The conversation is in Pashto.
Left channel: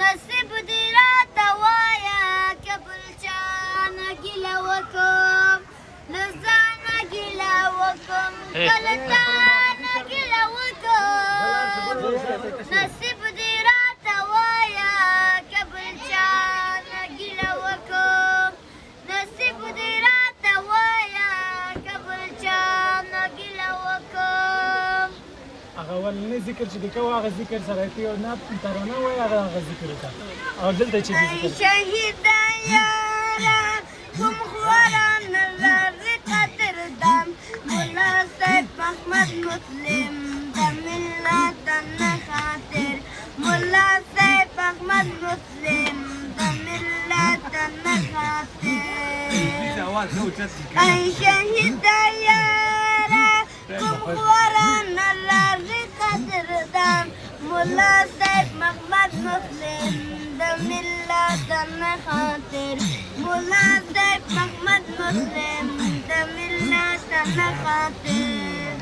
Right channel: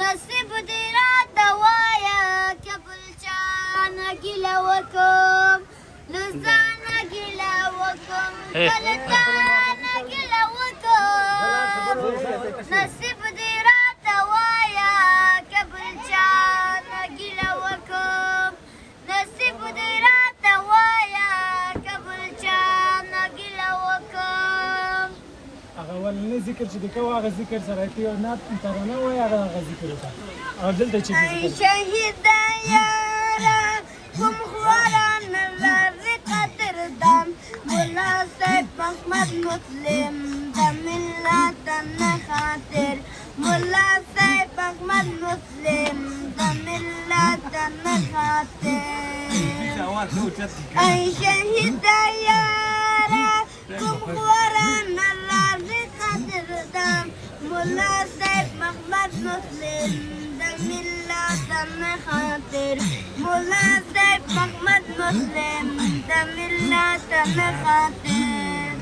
نصیب دې راته وایه که بل چا نه ګیله وکړم له ځانه ګیله وکړم که له تا نه ګیله وکړم نصیب دې راته وایه که بل چا نه ګیله وکړم نصیب دې راته وایه که بل چا نه ګیله وکړم هغه ولنې ذکر چې دی کوه هغه ذکر سره ته یو نعت ترانه وایي هغه ذکر وکړه او دلته چې ذکر شهیده یاره کوم خوارانه لرې قدردان ملا صاحب احمد مسلم د ملت نه خاطر ملا صاحب احمد مسلم د ملت نه خاطر ای شهیده یاره کوم خوارانه لرې قدردان ملا صاحب محمد مسلم د ملت نه خاطر ملا صاحب محمد مسلم د ملت نه خاطر